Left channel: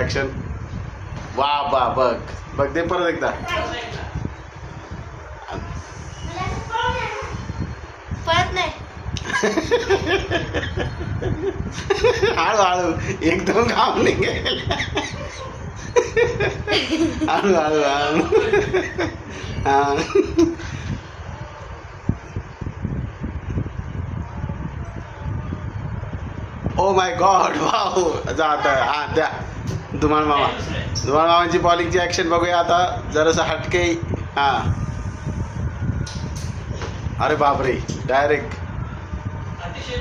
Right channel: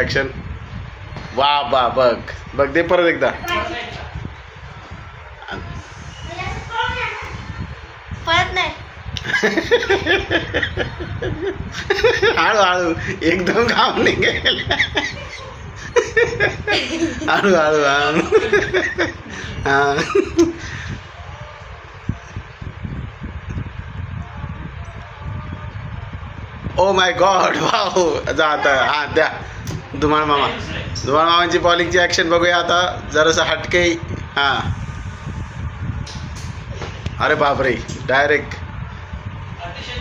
Action. वा बा बघ बघ दे परत एकदा. परत नाही. हळू एकदम काम निघेल. हळू हा. Oh my God wow. जा आता. हा द्या धुमाळ मामा. धुमाळ मामांची बॉलिंगची ऍक्शन बघूया आता जरासं हटके. हा अरे बापरे डायरेक्ट.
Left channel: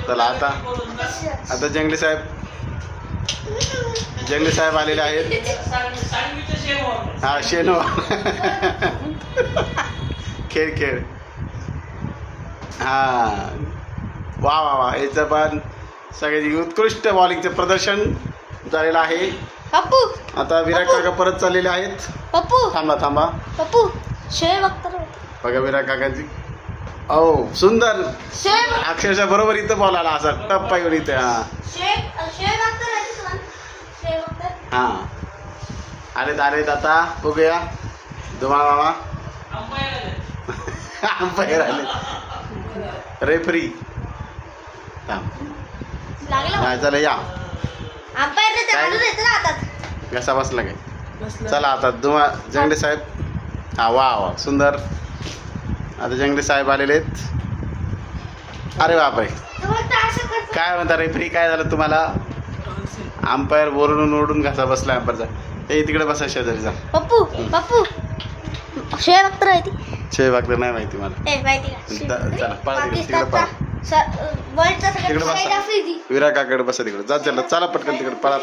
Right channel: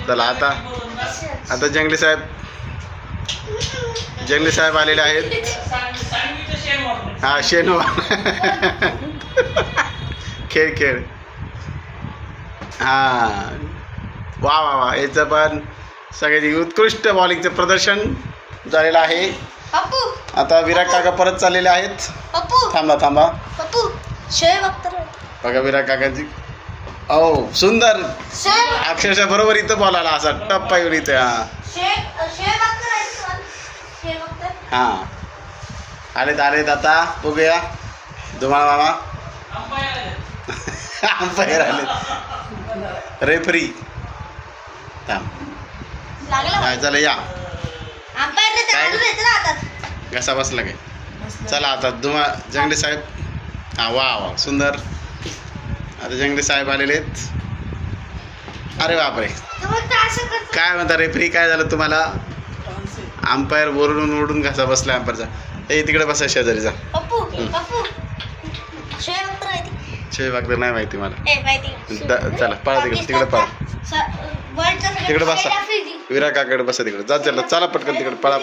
चला आता जंगली साहेब आलेले आहेत. हा शेनो. खेळ. हा वा वा वा. याचं पण सगळ्याची उत्कृष्ट बॉलिंगचं प्रदर्शन झालेलं आहे. आता विराट काका परत चाललेले आहेत. थांबा बघा विराट काकाची. ओ सुंदर. अक्षरशः बरोबर इथं बॉल आला असा टप्पा येऊन इथे. हा आलेत आता बघूया. धुमाळ मामा अंपायर आले. रेफरी चला या. घसा बसला काय. चला आता जंगली साहेब. हा वा सुंदर. आता जंगली साहेब आलेले आहेत. अरे बापरे काय म्हणता रेफरी काय झालं तुम्हाला. अंपायर ओरडून घसा बसला अंपायरचा. हे तिकडे बसा शेजारी जा. शेव अख्तर नाही माहिती मला. चला पळा तिकडे पळा. तिकडे बसा विराट काकाकडे बसा तिकडे. जा चला पटकन तिकडे पळा.